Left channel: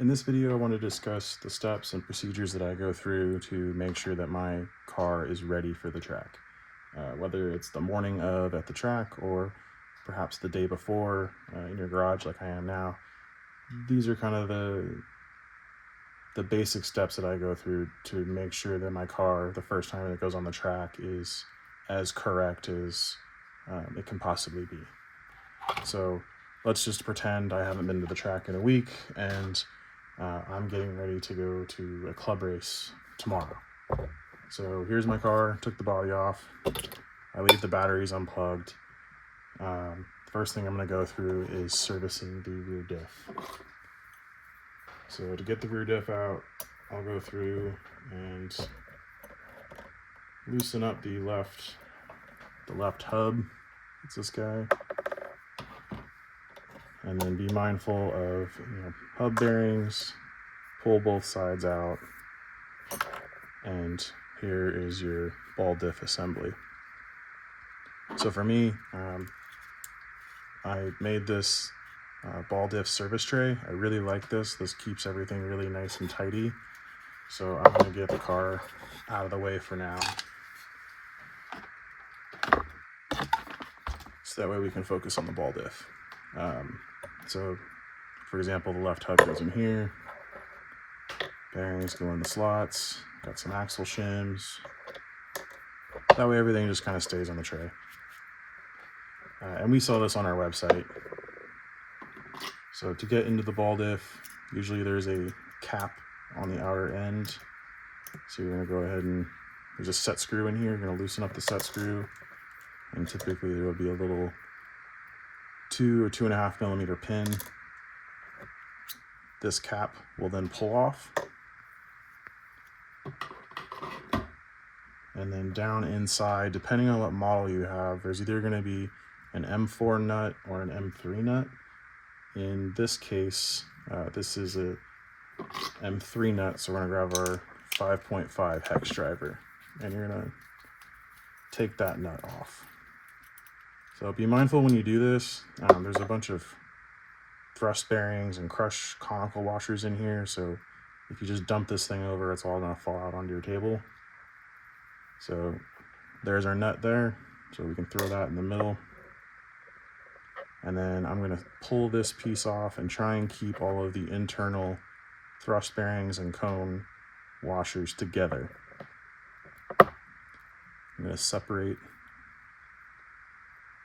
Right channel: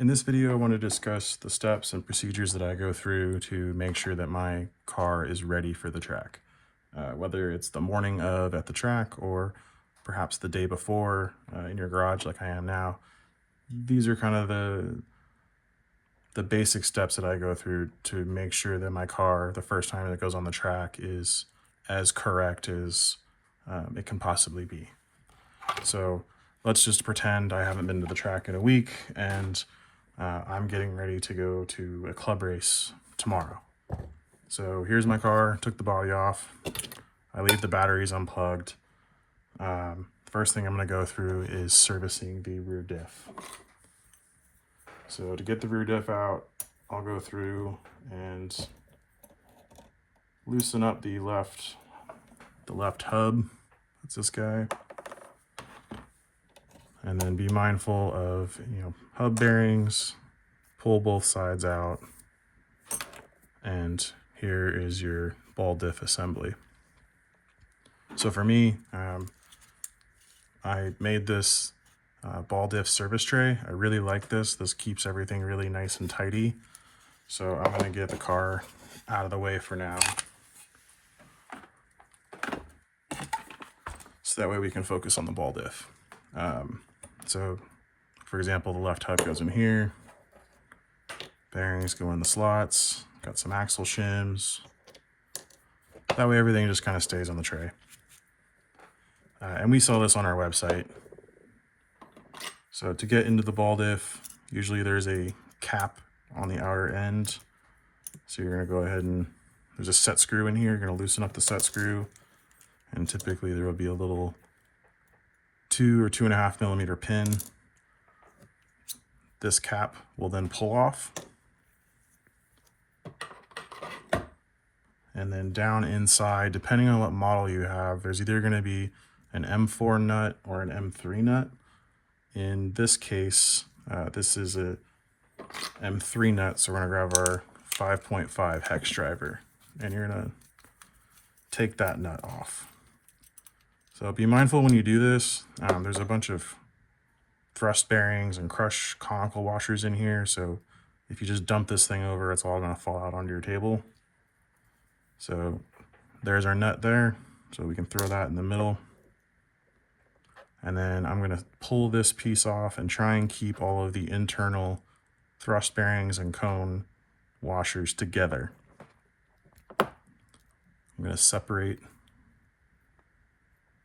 In this video, I want to discuss the steps and procedures that I go through to make sure that my car is ready for the track. Whether it's the morning of at the track or perhaps the day before in your garage like I am now, these are kind of the basic steps that I go through to make sure that my car, the first time it goes on the track, is as correct as it can possibly be. So let's just pretend I haven't been to the track in a week and I'm getting ready to go to a club race tomorrow. So here's my car, took the body off, I leave the batteries unplugged. First thing I'm going to go through is servicing the rear diff. So to get the rear diff out, I'll go through and loosen up the left hub. It's this guy. And then be mindful of hub bearings, pull both sides out, and here is your ball diff assembly. So for me, I made this ball diff service tray. I really like this. This keeps everything really nice and tidy. So I'm going to get the car out of the way for now, so that way we can focus on the ball diff. So, for example, the left hub goes in here, bearings go in the slots, got some axle shims. That way everything just kind of stays on the tray. And we sell this on our website. So to get into the ball diff, usually there's a cap on the outer end. So you're going to go ahead and there's a set screw in here. You're going to loosen up the set screw, and typically there will be a little 2 or 2.5 millimeter pin. This cap will then pull off, and then down inside, depending on what model you have, there's either going to be an M4 nut or an M3 nut. In this case, this is a M3 nut, so we're going to grab our 5.5 hex driver, and you're going to take that nut off. So be mindful when you do this. There's a bunch of thrust bearings and crush conical washers in here, so if you just dump this thing over, it's all going to fall out onto your table. So there's our nut there, so we can throw that in the middle. And then I'm going to pull this piece off and try and keep all of the internal thrust bearings and cone washers together. I'm going to separate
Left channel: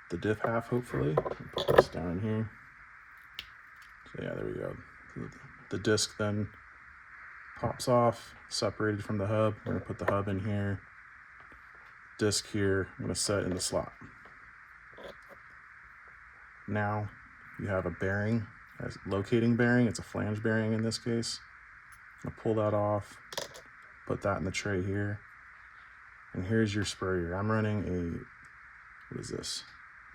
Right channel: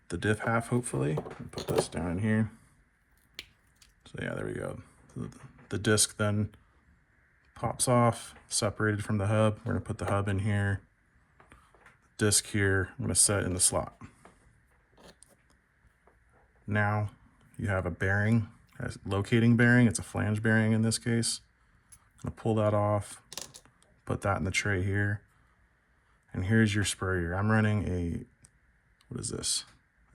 the diff half, hopefully. Put this down here. So yeah, there we go. The disc then pops off, separated from the hub. We're going to put the hub in here. Disc here, I'm going to set it in the slot. Now you have a bearing, a locating bearing. It's a flange bearing in this case. I'm going to pull that off, put that in the tray here. And here's your spur gear. I'm running what is this?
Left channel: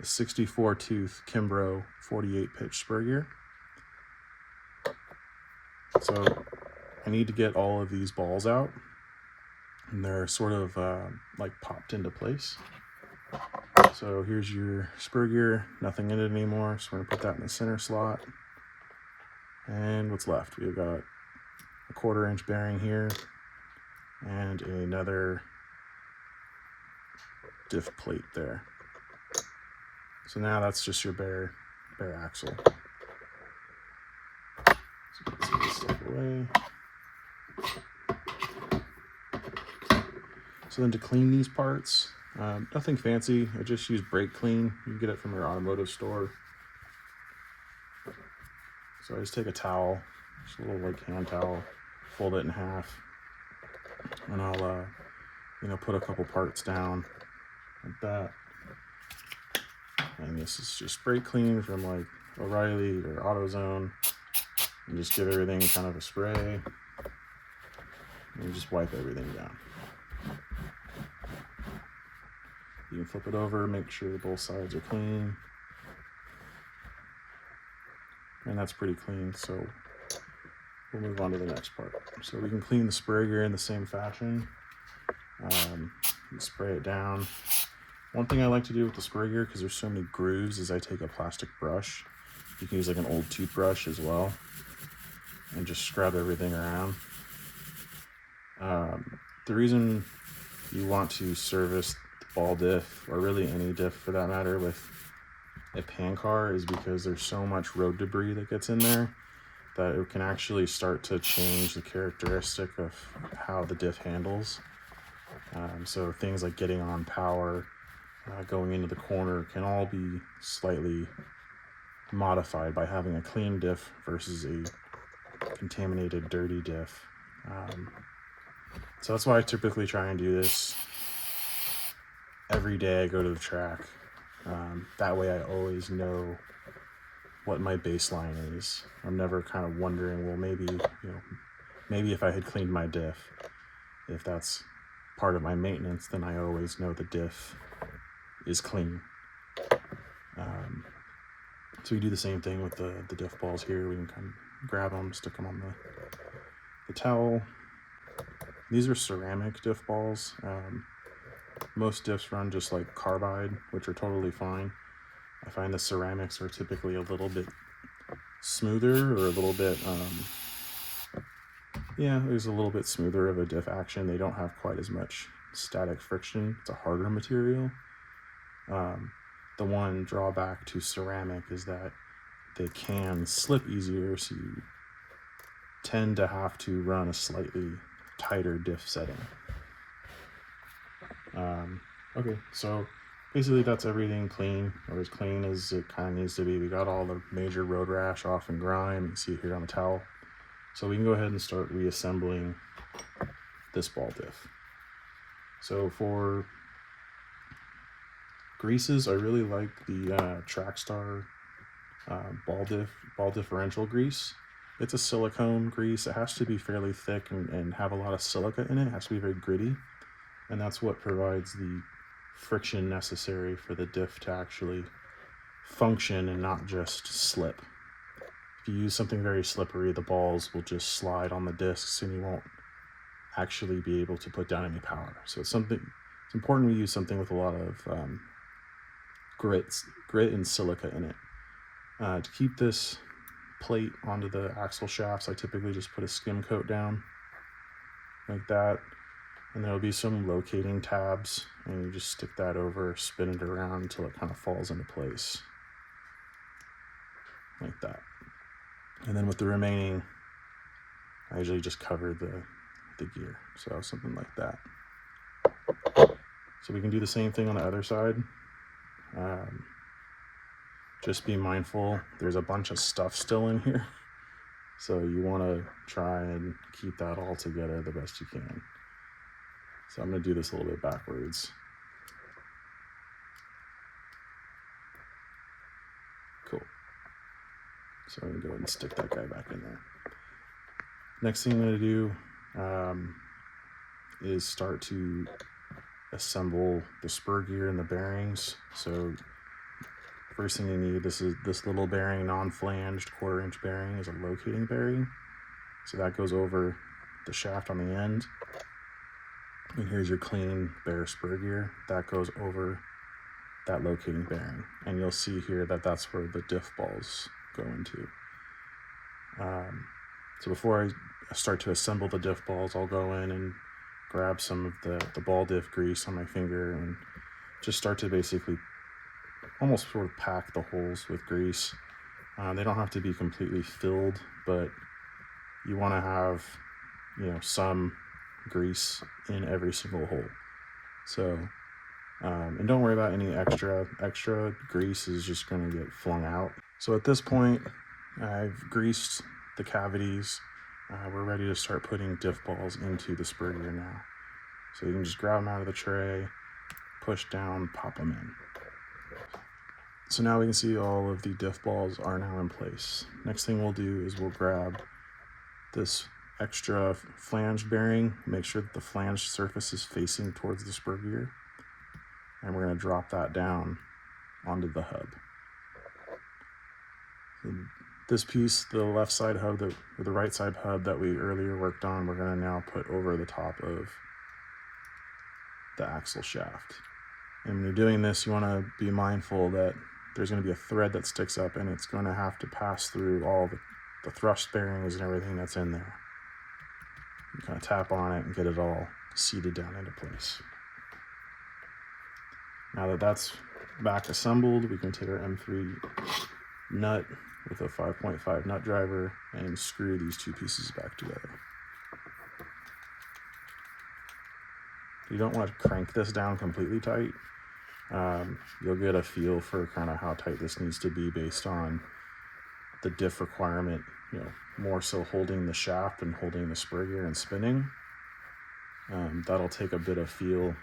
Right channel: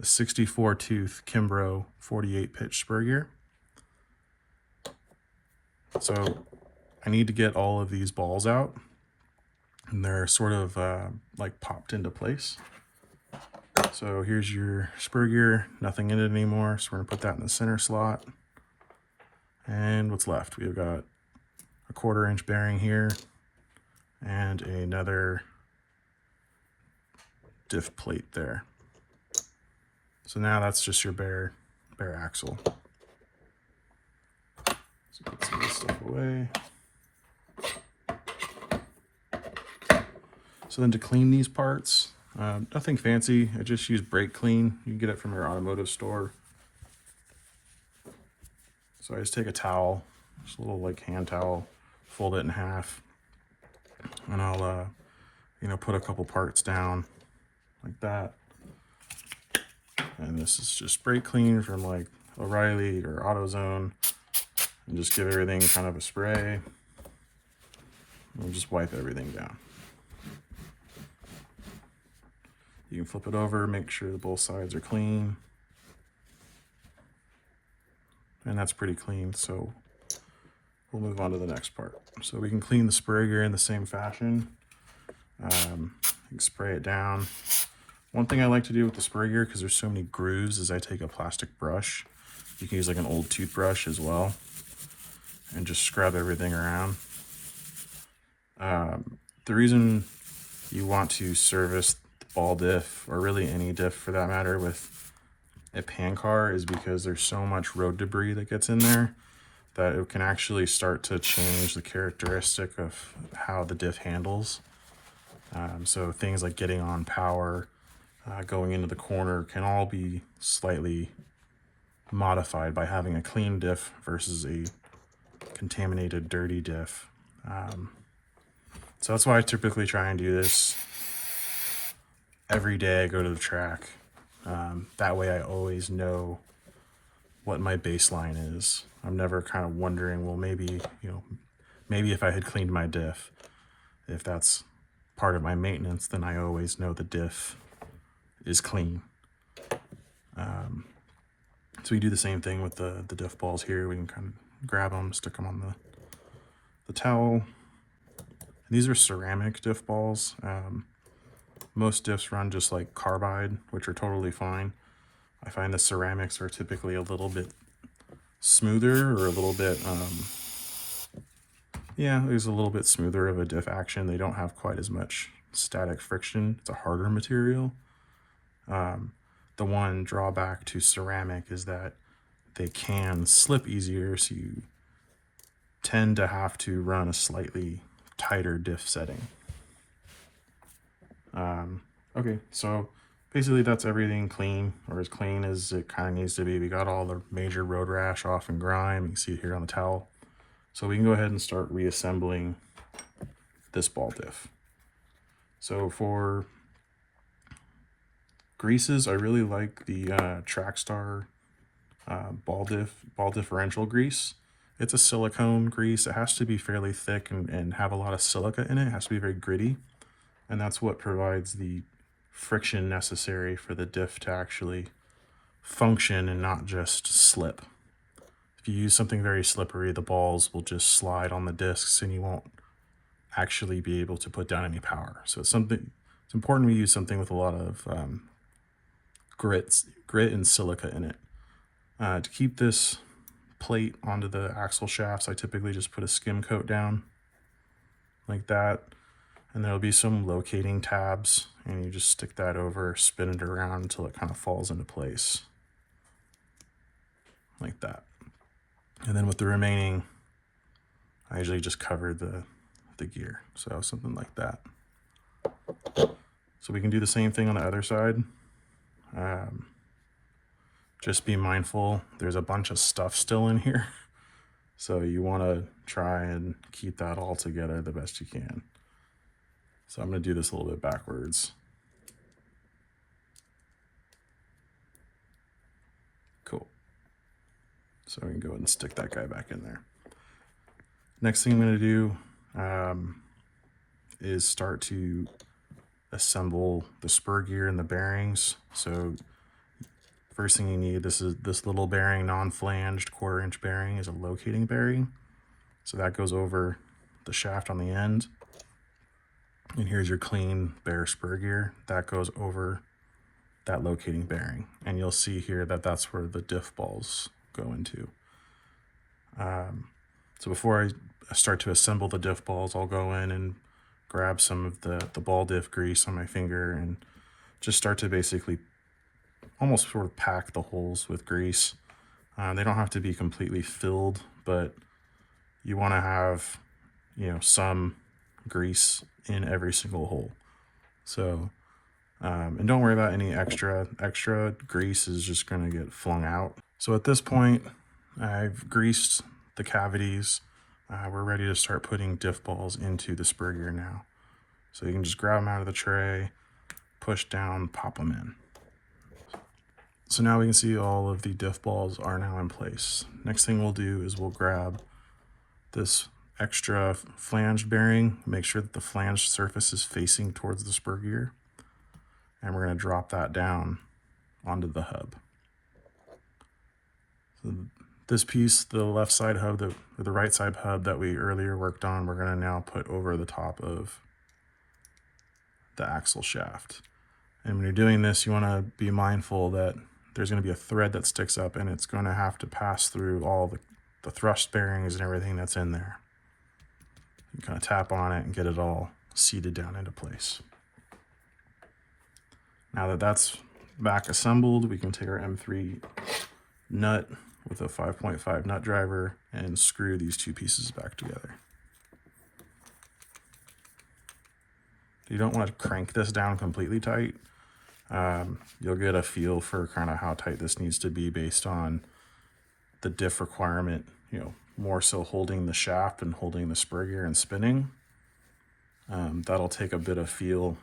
A 64 tooth Kimbrough 48 pitch spur gear. So I need to get all of these balls out, and they're sort of like popped into place. So here's your spur gear, nothing in it anymore, so we're going to put that in the center slot. And what's left? We've got a 1/4 inch bearing here and another diff plate there. So now that's just your bare axle. So let's get this stuff away. So then to clean these parts, nothing fancy. I just use brake clean. You can get it from your automotive store. So I just take a towel, just a little like hand towel, fold it in half, and I'll put a couple parts down like that. And this is just brake clean from like O'Reilly or AutoZone, and just give everything kind of a spray and just wipe everything down. You can flip it over, make sure that both sides are clean. And that's pretty clean, so we'll move on to the next part. So we can clean the spur gear in the same fashion. Spray it down. One thing I like to do with the spur gear, because there's so many grooves, is I take a plastic brush. You can use like an old toothbrush as well. and just scrub everything around. The reason you want to service the ball diff, or really any diff for that matter, with a pan car is because there's so much road debris that gets in there that it can actually start to change the characteristic of how the diff handles. So things like getting on power, going into the corner can all be slightly modified by having a clean diff versus a contaminated, dirty diff. So that's why I typically try and do this every day I go to the track. That way I always know what my baseline is. I'm never kind of wondering, well, maybe if I had cleaned my diff, if that's part of my maintenance, then I always know the diff is clean. So we do the same thing with the diff balls here. We can kind of grab them, stick them on the towel. These are ceramic diff balls. Most diffs run just like carbide, which are totally fine. I find the ceramics are typically a little bit smoother, or a little bit, there's a little bit smoother of a diff action. They don't have quite as much static friction. It's a harder material. The one drawback to ceramic is that they can slip easier, so you tend to have to run a slightly tighter diff setting. Okay, so basically that's everything clean, or as clean as it kind of needs to be. We got all the major road rash off and grime. You can see it here on the towel. So we can go ahead and start reassembling this ball diff. So for greases, I really like the Trackstar ball differential grease. It's a silicone grease. It has to be fairly thick and have a lot of silica in it. It has to be very gritty, and that's what provides the friction necessary for the diff to actually function and not just slip. If you use something very slippery, the balls will just slide on the discs and you won't actually be able to put down any power. So it's important we use something with a lot of grit and silica in it. To keep this plate onto the axle shafts, I typically just put a skim coat down like that, and there'll be some locating tabs, and you just stick that over, spin it around until it kind of falls into place like that. And then with the remaining, I usually just cover the gear, so something like that. So we can do the same thing on the other side. Just be mindful, there's a bunch of stuff still in here, so you want to try and keep that all together the best you can. So I'm going to do this a little bit backwards. Cool. So we can go ahead and stick that guy back in there. Next thing I'm going to do is start to assemble the spur gear and the bearings. So first thing you need, this little bearing, non-flanged 1/4 inch bearing, is a locating bearing. So that goes over the shaft on the end. And here's your clean bare spur gear. That goes over that locating bearing. And you'll see here that that's where the diff balls go into. So before I start to assemble the diff balls, I'll go in and grab some of the ball diff grease on my finger and just start to basically almost sort of pack the holes with grease. They don't have to be completely filled, but you want to have, some grease in every single hole. So, and don't worry about any extra grease is just going to get flung out. So at this point, I've greased the cavities. We're ready to start putting diff balls into the spur gear now. So you can just grab them out of the tray, push down, pop them in. So now we can see all of the diff balls are now in place. Next thing we'll do is we'll grab this extra flange bearing, make sure that the flange surface is facing towards the spur gear, and we're going to drop that down onto the hub. So this piece, the left side hub, the right side hub that we earlier worked on, we're going to now put over the top of the axle shaft. And when you're doing this, you want to be mindful that there's going to be a thread that sticks up, and it's going to have to pass through all the thrust bearings and everything that's in there. You kind of tap on it and get it all seated down into place. Now that that's back assembled, we can take our M3 nut with a 5.5 nut driver and screw these two pieces back together. You don't want to crank this down completely tight. You'll get a feel for kind of how tight this needs to be based on the diff requirement, more so holding the shaft and holding the spur gear and spinning. That'll take a bit of feel.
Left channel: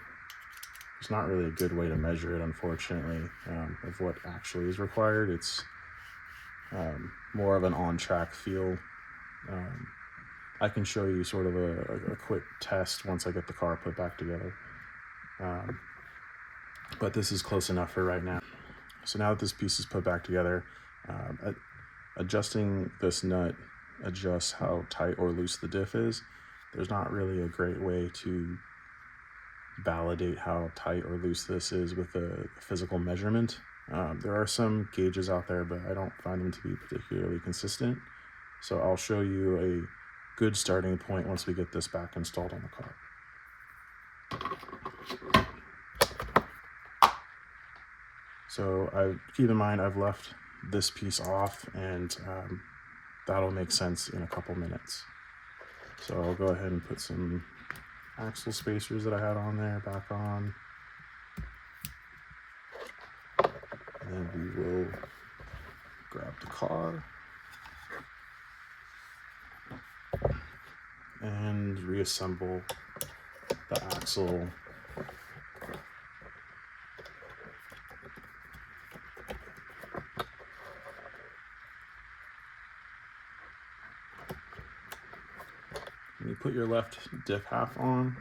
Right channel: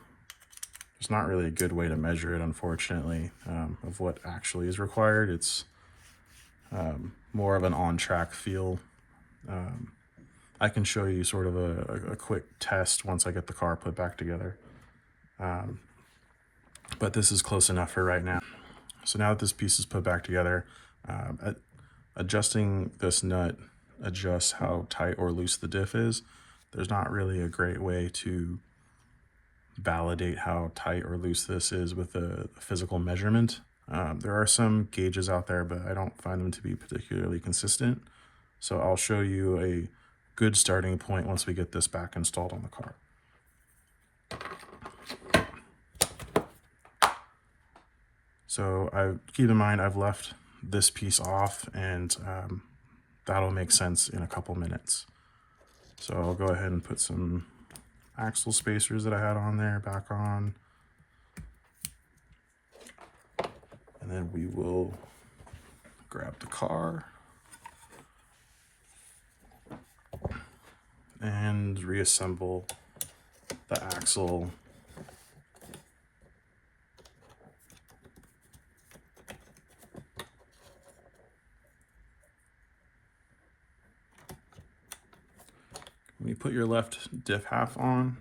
It's not really a good way to measure it, unfortunately, of what actually is required. It's more of an on-track feel. I can show you sort of a quick test once I get the car put back together. But this is close enough for right now. So now that this piece is put back together, adjusting this nut adjusts how tight or loose the diff is. There's not really a great way to validate how tight or loose this is with a physical measurement. There are some gauges out there, but I don't find them to be particularly consistent. So I'll show you a good starting point once we get this back installed on the car. So keep in mind I've left this piece off, and that'll make sense in a couple minutes. So I'll go ahead and put some axle spacers that I had on there back on. And then we will grab the car and reassemble the axle. When you put your left diff half on,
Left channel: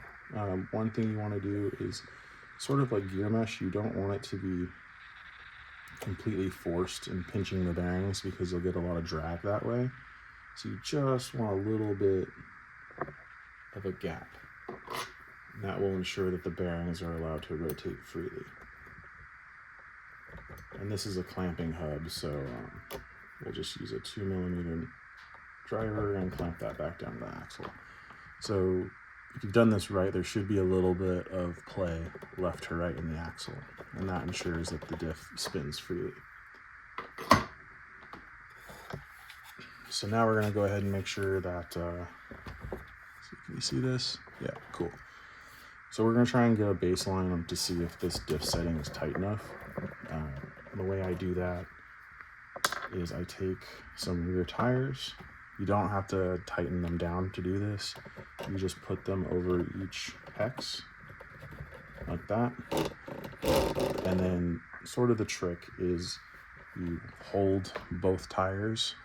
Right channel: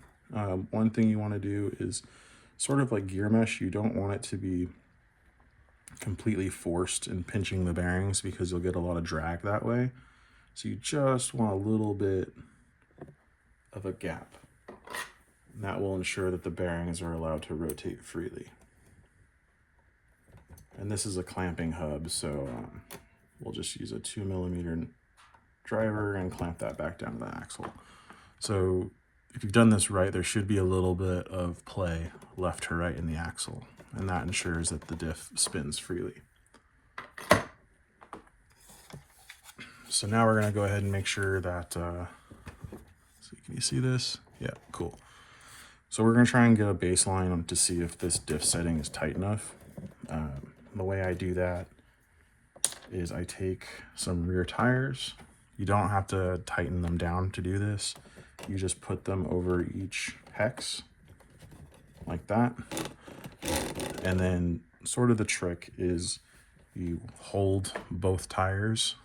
one thing you want to do is sort of like gear mesh. You don't want it to be completely forced and pinching the bearings because you'll get a lot of drag that way. So you just want a little bit of a gap. And that will ensure that the bearings are allowed to rotate freely. And this is a clamping hub, so we'll just use a 2mm driver and clamp that back down to the axle. So if you've done this right, there should be a little bit of play left to right in the axle, and that ensures that the diff spins freely. So now we're going to go ahead and make sure that, can you see this? Yeah, cool. So we're going to try and get a baseline to see if this diff setting is tight enough. The way I do that is I take some rear tires. You don't have to tighten them down to do this. You just put them over each hex like that. And then sort of the trick is you hold both tires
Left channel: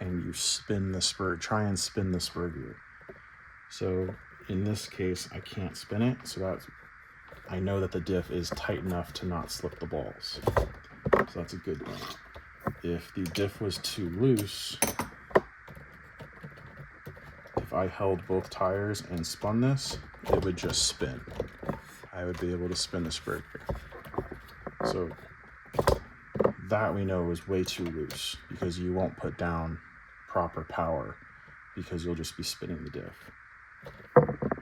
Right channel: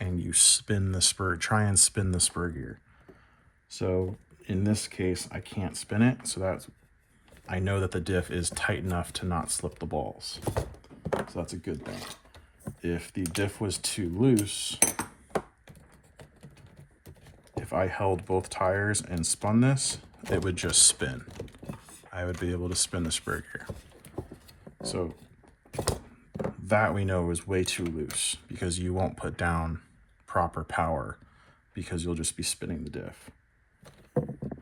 and you spin the spur, try and spin the spur gear. So in this case, I can't spin it, so I know that the diff is tight enough to not slip the balls. So that's a good thing. If the diff was too loose, if I held both tires and spun this, it would just spin. I would be able to spin the spur gear. So that we know is way too loose because you won't put down proper power because you'll just be spinning the diff.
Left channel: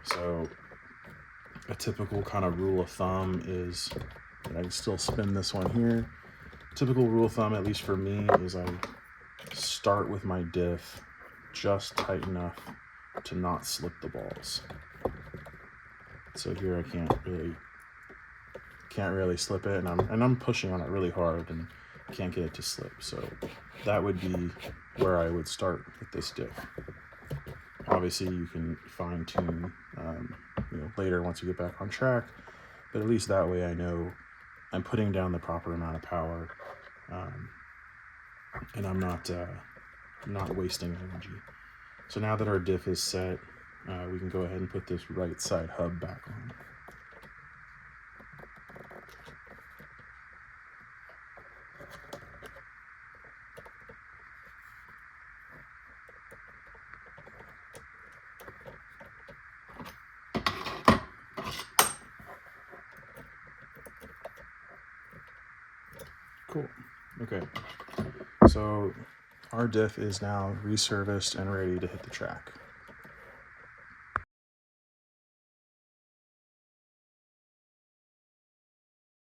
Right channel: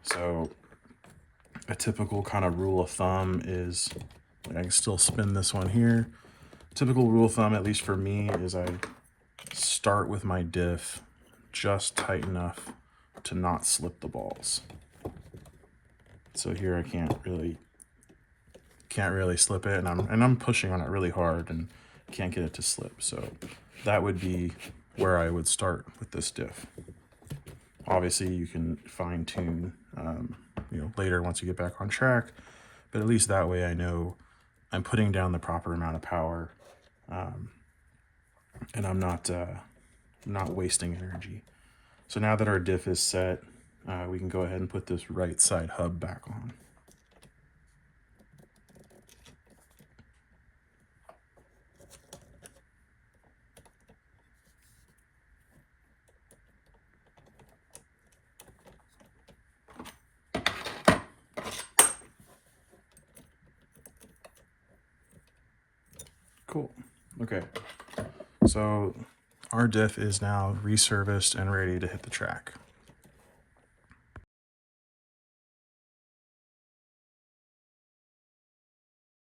So a typical kind of rule of thumb is, and I can still spin this one here. Typical rule of thumb, at least for me, is I start with my diff just tight enough to not slip the balls. So here I can't really slip it, and I'm pushing on it really hard and can't get it to slip. So that would be where I would start with this diff. Obviously you can fine tune later once you get back on track, but at least that way I know I'm putting down the proper amount of power, and I'm not wasting energy. So now that our diff is set, we can go ahead and put this right side hub back on. Cool. Okay. So Our diff is now reserviced and ready to hit the track.